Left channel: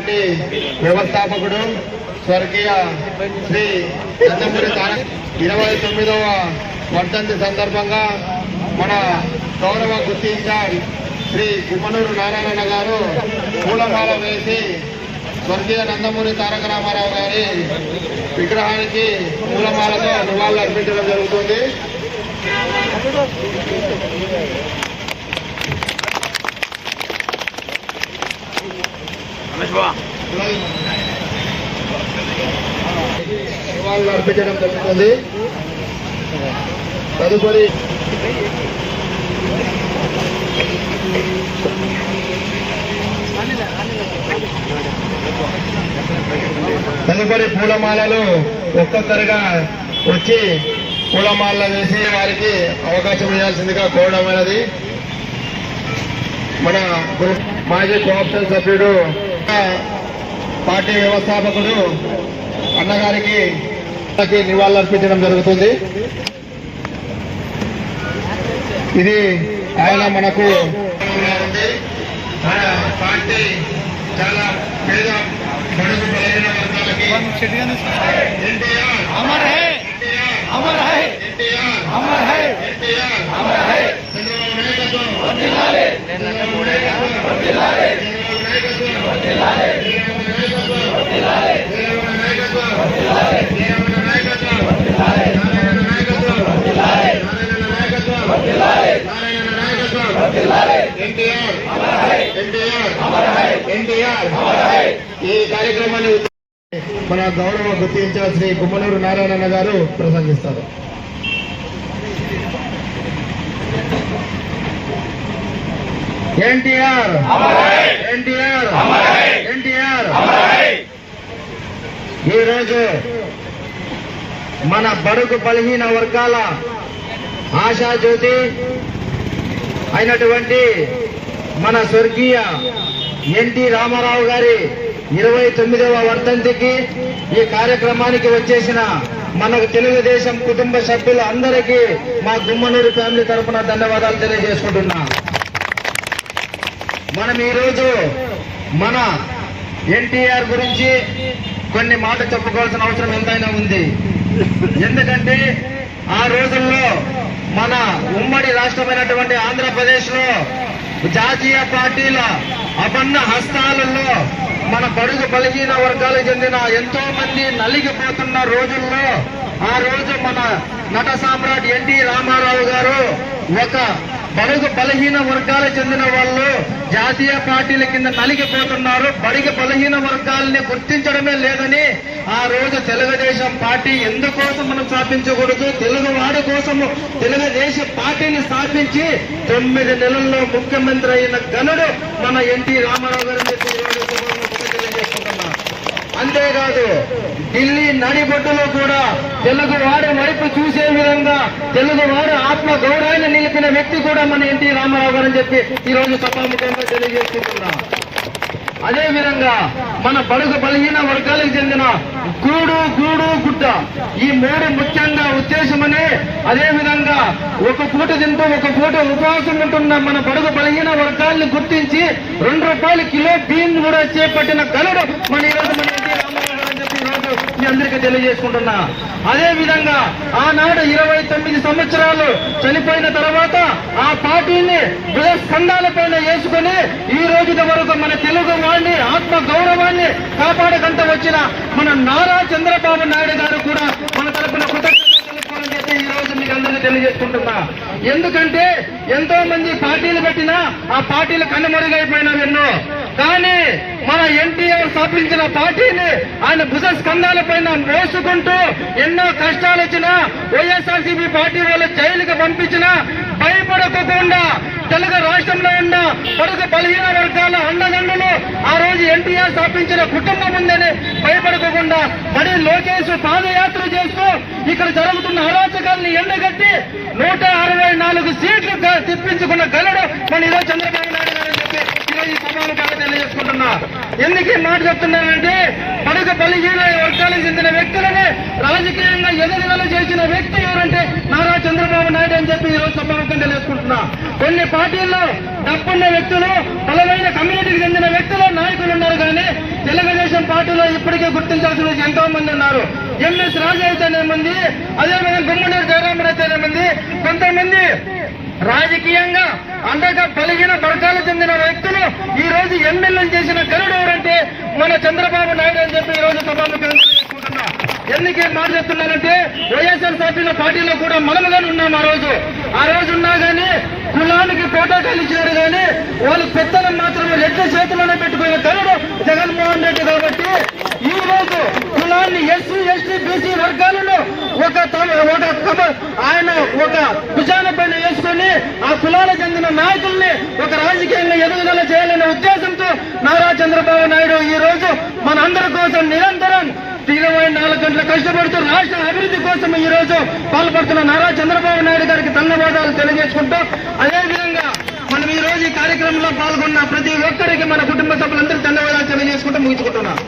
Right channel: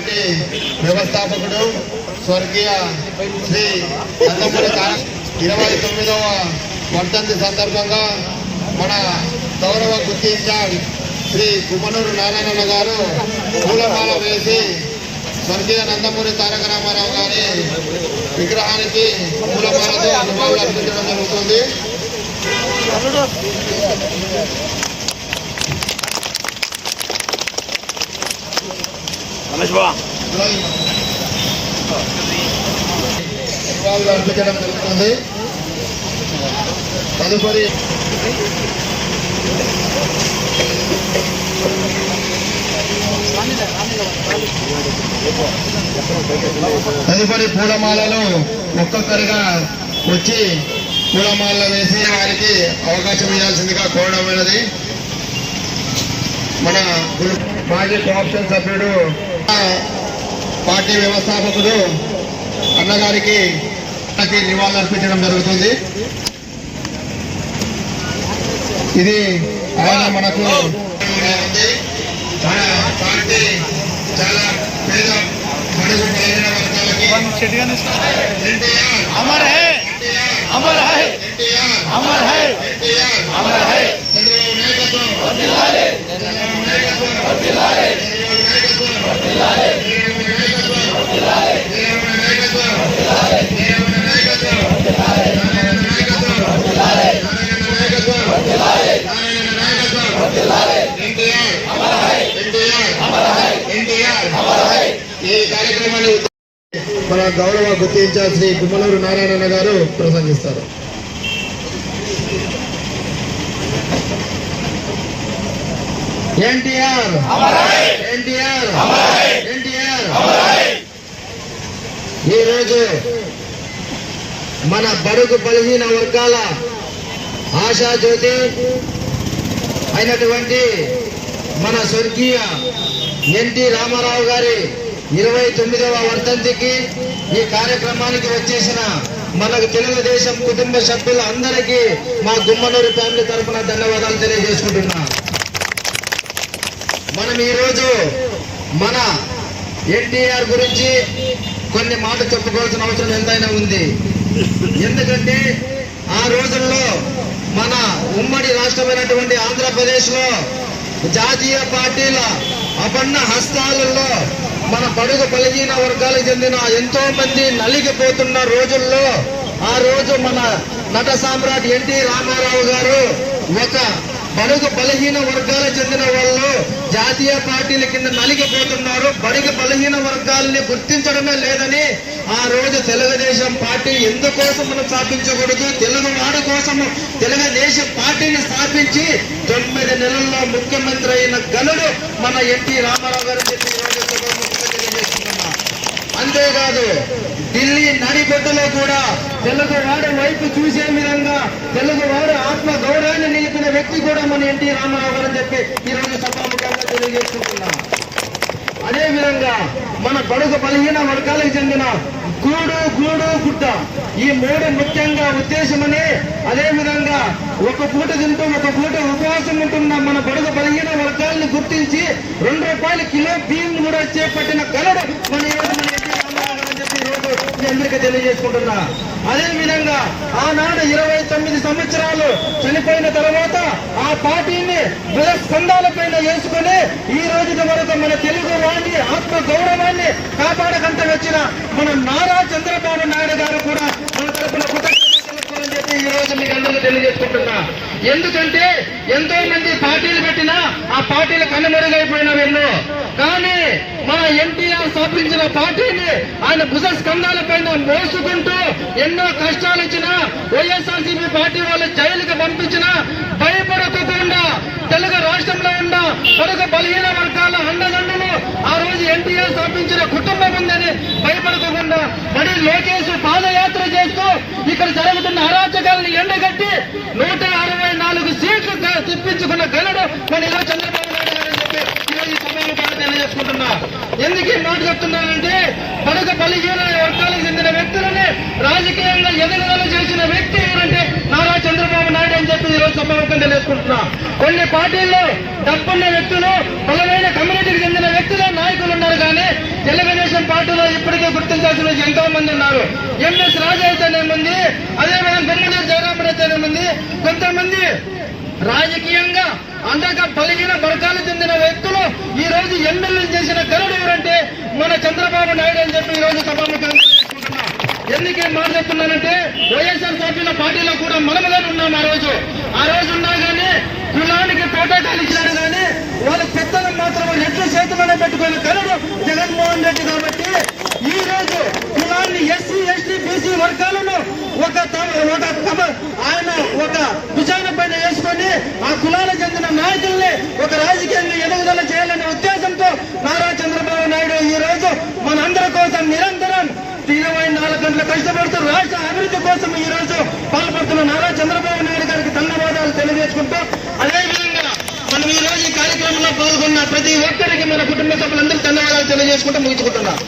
Party వ్యవస్థాపకుడు స్వర్గీయ శ్రీ నందమూరి తారక 29వ వర్ధంతి సందర్భంగా మన గౌరవ గుత్తి ఇన్ఛార్జ్ శ్రీ గుమ్మనూరు నారాయణ గారు పూలమాల వేసి స్వర్గీయ నందమూరి తారక రామారావు గారి విగ్రహానికి పూలమాలతో నివాళులు అర్పించడం జరుగుతుంది. నివాళులు అర్పించడం జరుగుతుంది. తదుపరి పూలమాలలు ఒక్కొక్కరిగా వచ్చి పూలమాల వేసి వారికి అవకాశం ఇవ్వాల్సిందిగా కోరడమైనది. మన మాజీ కోఆప్షన్ సభ్యుడు పార్టీ వ్యవస్థాపకుడు అన్నగారికి నివాళులు అర్పించడం జరుగుతుంది. ఇది ఆయన మనకు పార్టీ చాలా పేద బడుగు బలహీన వర్గాలకి Amar high Amar high Amar high Amar high Chandrababu నాయకత్వం ఈ కార్యక్రమాన్ని మన గౌరవ గుత్తి ఇన్ఛార్జ్ శ్రీ గుమ్మనూరు నారాయణ గారు ప్రసంగిస్తారు. ఎన్టీఆర్ ఎన్టీఆర్ ఎన్టీఆర్. ఈరోజు మన బడుగు బలహీన వర్గాల ఆశాజ్యోతి అయినటువంటి మన స్వర్గీయ ఎన్టీ రామారావు గారి 29వ వర్ధంతికి ఈ కార్యక్రమానికి వచ్చేసిన మనకు తెలుగుదేశం కుటుంబ సభ్యులు అందరికీ మా గుమ్మనూరు ఫ్యామిలీ తరఫున ధన్యవాదాలు తెలియజేసుకుంటున్నా. మనం ఈరోజు మన ఎన్టీఆర్ గురించి కొన్ని మాటలు చెప్పుకోవాల్సిన అవసరం ఎంతైనా ఉంది. ఎందుకంటే ఆ రోజుల్లో మన ఉమ్మడి రాష్ట్రమైనటువంటి ఆంధ్రప్రదేశ్ లో జాతీయ పార్టీల అపన్న హస్తాలలో మన బడుగు బలహీన వర్గాలకు చెందిన ఎంతో మంది నలిగిపోతున్న రోజుల్లో ఆ రోజు మన నట సామ్రాట్ ఎన్టీ రామారావు గారు ఒక బడుగు బలహీన వర్గాలకు చెందిన వాళ్ళు జాతీయ పార్టీల కింద నలిగిపోతున్నారు, బడుగు బలహీన వర్గాలని గుర్తించడమే లేదని ఆ రోజు తెలుగుదేశం పార్టీ ఎందుకోసం మనం స్థాపించకూడదు, తెలుగు వాడి కోసము తెలుగుదేశం పార్టీని స్థాపించి 9 నెలల్లో ముఖ్యమంత్రి అయిన గనుడు మన ఎన్టీ రామారావు గారు తెలియజేసుకుంటున్నా. అంతేకాదు ఢిల్లీ నడిబొడ్డులో కూడా తెలుగు వాడి వైపు చూసే విధంగా తెలుగు వాడి ఆత్మ గౌరవాన్ని నిలిపిన వ్యక్తి కూడా మన ఎన్టీ రామారావు గారు అని చెప్పి ఈ రోజు సభాముఖంగా తెలియజేసుకుంటున్నా. అదే విధంగా మన బడుగు బలహీన వర్గాలకు చెందిన గూడు గూడు గుడ్డ ఈ 3 ముఖ్యంగా ఉద్దేశమని, అదే విధంగా ఒక పూట తింటూ ఒక పూట ఉపవాసం ఉంటున్న మన బడుగు బలహీన వర్గాలను గుర్తించి 2 రూపాయల కిలో బియ్యం కూడా చేపట్టిన గనుడు మన ఈరోజు మన ఎన్టీ రామారావు గారు అని చెప్పి ఈరోజు మీ అందరికీ తెలియజేసుకుంటున్నా. అదే విధంగా ఆనాడు 29 సంవత్సరాలు చనిపోయిన తర్వాత ఆ పార్టీని స్కంధాల పైన వేసుకుని ఈ రోజు వరకు మన తెలుగు వాడిని ఆత్మ గౌరవాన్ని కాపాడకంటూ వచ్చిన మన నారా చంద్రబాబు నాయుడు గారు కూడా మన తరపున కృతజ్ఞతలు తెలుపుకోవాలని చెప్పి ఈ రోజు మీకు అందరికీ తెలియజేసుకుంటున్నా. ఎందుకంటే ఎంతో మంది పార్టీలు పెట్టినా ఆ పార్టీలు కనుమరుగైపోయినవి ఎన్నో, కానీ మన ఎన్టీఆర్ స్థాపించిన పార్టీని ఆయన భుజ స్కంధాల పైన మోసుకుంటూ ఎన్నో కష్టాలు వచ్చినా వైఎస్ఆర్సీపీ పార్టీ వాళ్ళు జైలుకి పంపించినా భయపడకుండా తెలుగు రాష్ట్రంలో ఉన్న బడుగు బలహీన వర్గాల అండదండలు ఆ రోజు ఎన్టీఆర్ స్థాపించిన కుటుంబం ఉందని భయపడకుండా బడి లోకేష్ పాదయాత్ర చేస్తూ ఇక్కడ జరుగుతున్న అరాచకాలను ఎండగట్టి 164 సీట్లు తెప్పించుకున్న గనుడు మన ఈరోజు చంద్రబాబు నాయుడు గారు చెప్పి ఈరోజు ఈ సభాముఖంగా తెలియజేసుకుంటున్నా. ఎందుకు ఈ మాట చెప్తున్నానంటే బలహీన వర్గాలకు చెందిన వ్యక్తులని రాజకీయంగా ఎదుగుదల చేసిన వ్యక్తి ఎవరంటే నారా చంద్రబాబు నాయుడు అని చెప్పి ఈరోజు సభాముఖంగా తెలియజేసుకుంటున్నా. కొన్ని పార్టీల్లో డబ్బున్న వ్యక్తులు, బలమైన కమ్యూనిటీకి చెందిన వ్యక్తులు, నాయకులు ఉన్నారు. కానీ తెలుగుదేశం పార్టీలో ఇప్పటికే గుర్తించాల్సిన ఎంతో మంది ఉన్నారు. ఎంఎస్ రాజు అయితేనేమంది, అదేవిధంగా గుమ్మనూరు జయరామన్ అయితేనేమంది, కొంతమంది రాజకీయంగా అండగా బలహీన వర్గాలకు చెందిన వ్యక్తులు ఈ రోజు ఎమ్మెల్యేలు చేసిన గరుడు ఎవరంటే మన చంద్రబాబు నాయుడు అని చెప్పి ఈ రోజు సభాముఖంగా తెలియజేసుకుంటున్నా. ఎందుకు ఈ మాట చెప్తున్నానంటే వైఎస్ఆర్ పార్టీలో కూడా మనముగానే ఉన్నాం. ఆ రోజు ఉన్నా గానీ కులానికి పోటాకాలు ఇచ్చినారు. కానీ వాళ్ళ పెద్దలు మాత్రం రెడ్డి చేతిలోనే పెట్టుకునే కరుడు జగన్మోహన్ రెడ్డి. కాబట్టి ఈ రోజు కులాన్ని ఎస్సీ ఎస్టీ బీసీ వర్గాలను ఆయన ఒక భుజాన పైన వేసుకొని ఆ కులాలకు చెందిన నాయకుల్ని ఒక రాజకీయంగా ఎదుగుదల చేయాలనే ఉద్దేశంతో నారా చంద్రబాబు నాయుడు ఈ రోజు మన అందరి కోసం నిరంతరం 24 గంటలు కష్టపడుతూ రాష్ట్ర అభివృద్ధి కోసం ఈ రోజు పాల్పడుతున్న నారా చంద్రబాబు నాయుడు గారికి ధన్యవాదాలు తెలియజేసుకుంటూ, అదేవిధంగా మనం ఈ రోజు ఈ కార్యక్రమంలో పాల్గొన్న ప్రతి ఒక్కరికి మన కుటుంబ సభ్యులందరికీ ధన్యవాదాలు తెలియజేసుకుంటూ ముగించుకుంటున్నాం.